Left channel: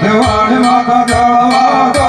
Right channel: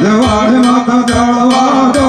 Dewa Dewa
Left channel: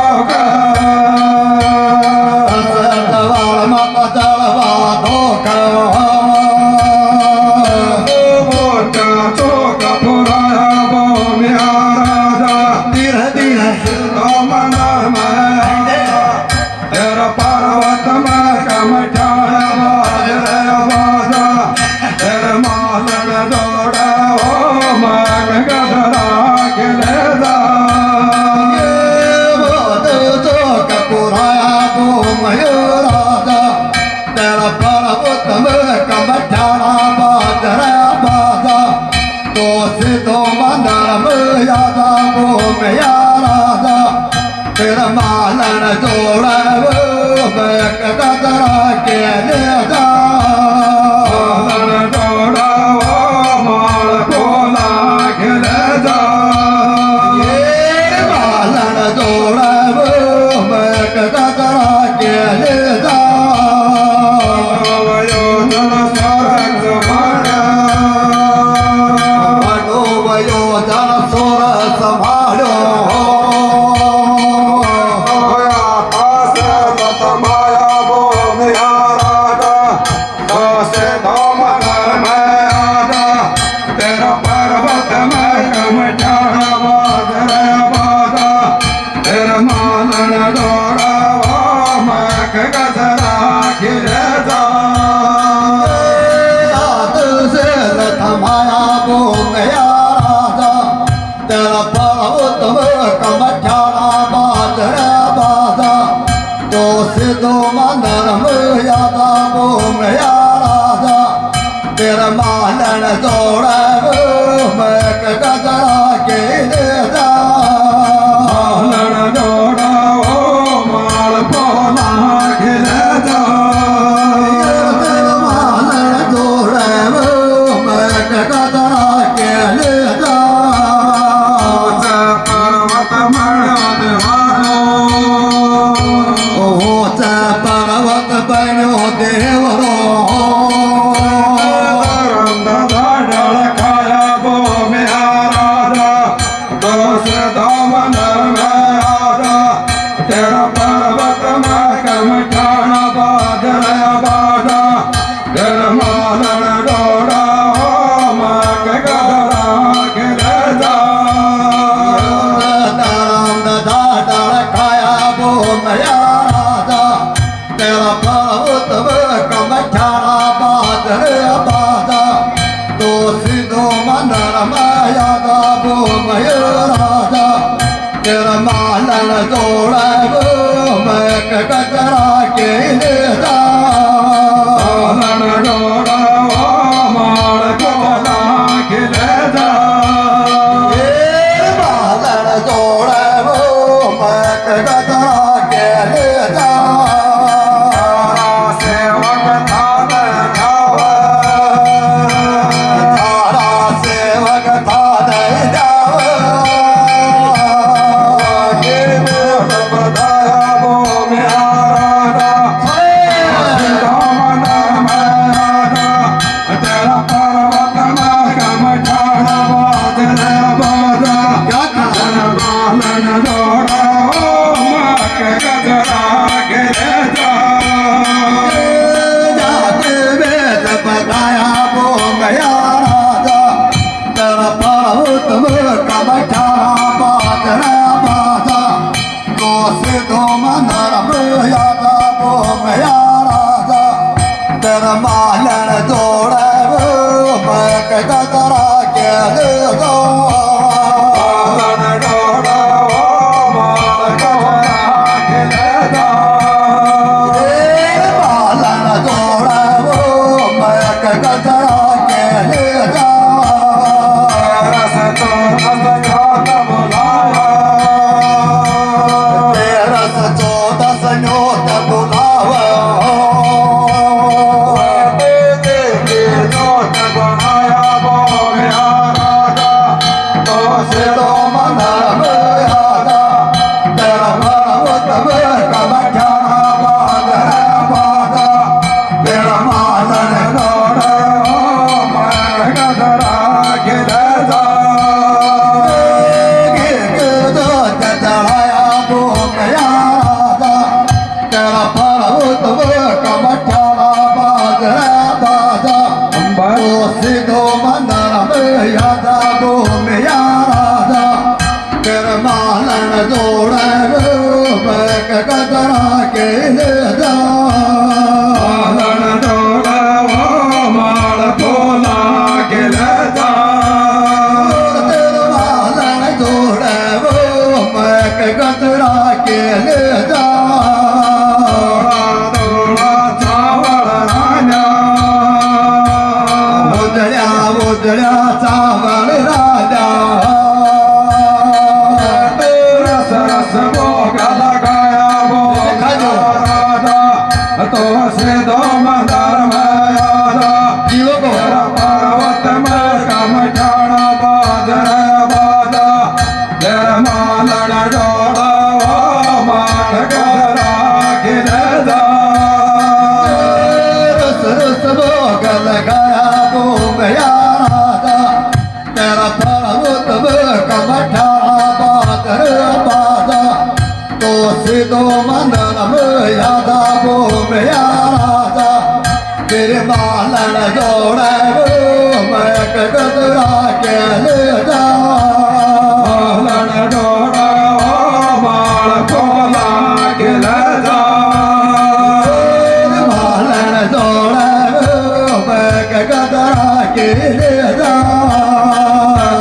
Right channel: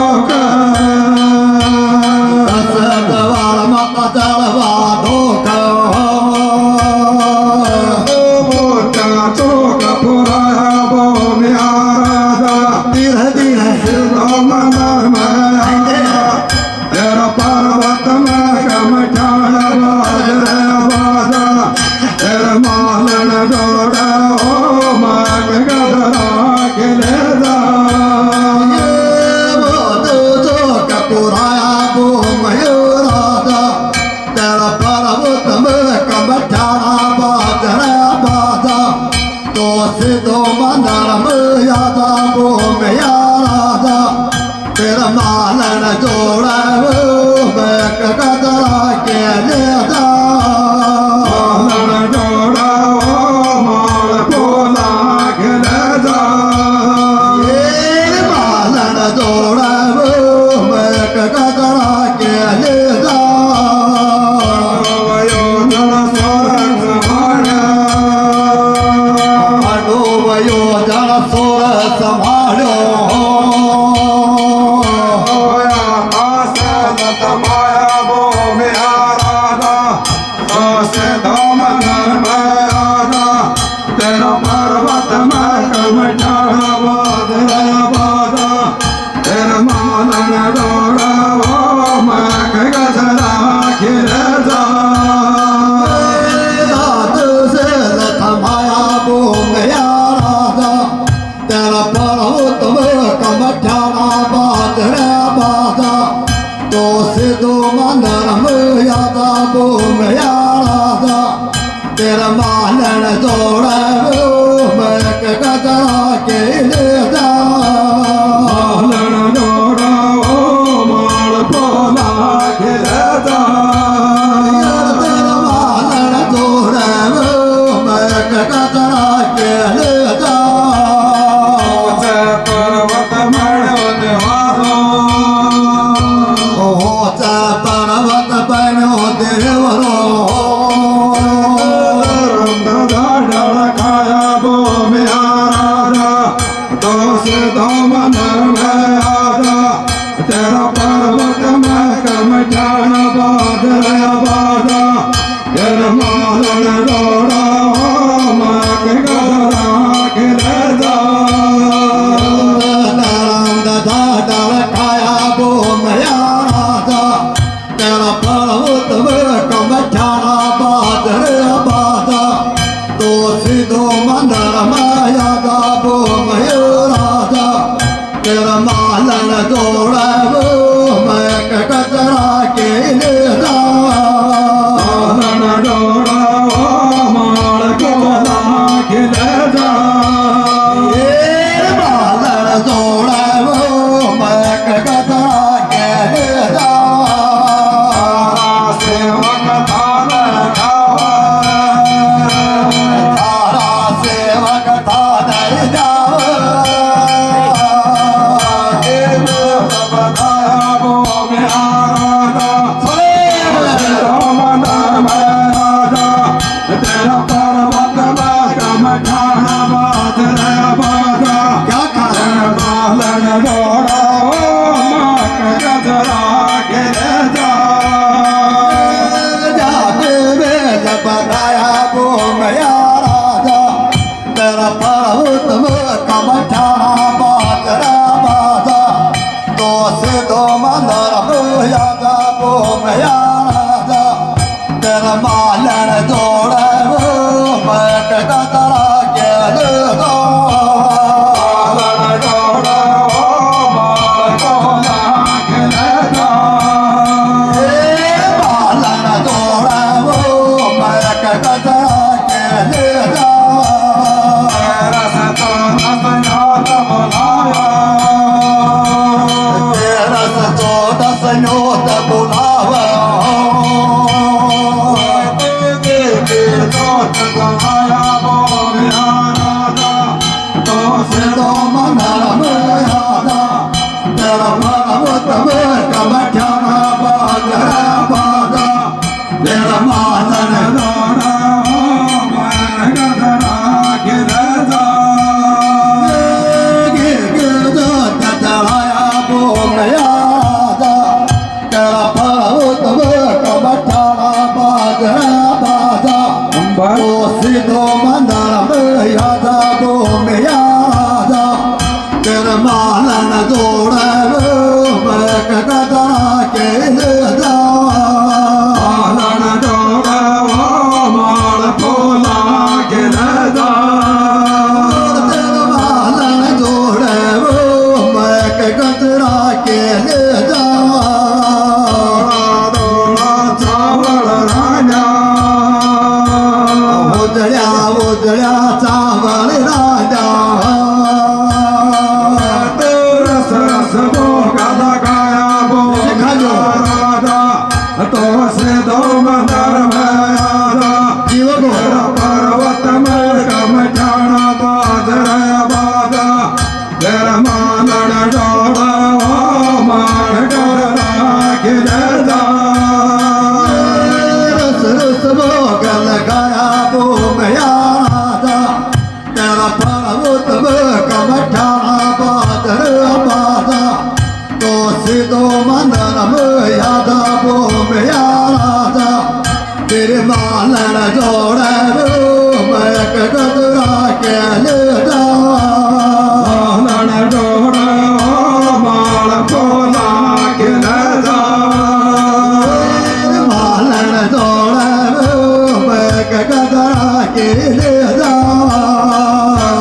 राजा तेरा मालन जोड़ा कदा के ले जा जोड़ा माल बोला के ले जा ये मालन जोड़ा कदा के ले जा तेरा मालन जोड़ा मैं कदा के ले जा मालन जोड़ा माल बोला के ले जा तेरा मालन जोड़ा मैं कदा के ले जा पर्वत मणो देवारो ओ पर्वत बनो देवरो तेरा मालन जोड़ा मैं कदा के ले जा मालन जोड़ा माल बोला के ले जा ये मालन जोड़ा मैं कदा के ले जा सेवक थाने जावा सेवक थाने जावा तेरा मालन जोड़ा मैं कदा के ले जा मालन जोड़ा माल बोला के ले जा मालन जोड़ा मैं कदा के ले जा तेरा से 14 संयोत बुलावा तेरा मालन जोड़ा मैं कदा के ले जा मालन जोड़ा माल बोला के ले जा तेरा मालन जोड़ा मैं कदा के ले जा उजळ्या चावल राजा सिद्धो मंदन में यादा बो में राजा तेरे मालन जोड़े मैं कगतरा के ले जा मालन जोड़ा माल खोला के ले जा मालन जोड़े मैं कगतरा के ले जा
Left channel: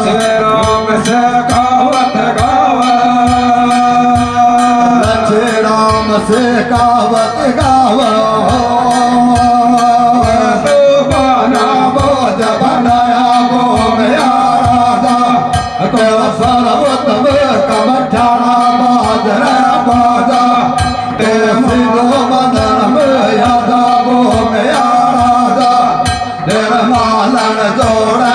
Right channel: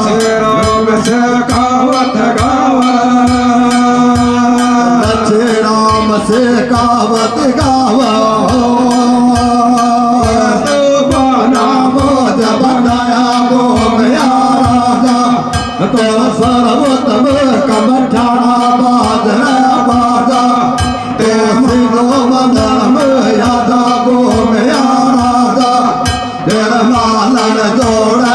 श्री राम से गावत गावा श्री राम से गावत गावा जब बनाया गो गया राजा तो सर्वोत्तम कमठाना बाजरा बाजा ते सिद्धो मंदन में यादा गो गया राजा तेरे मालन जोड़े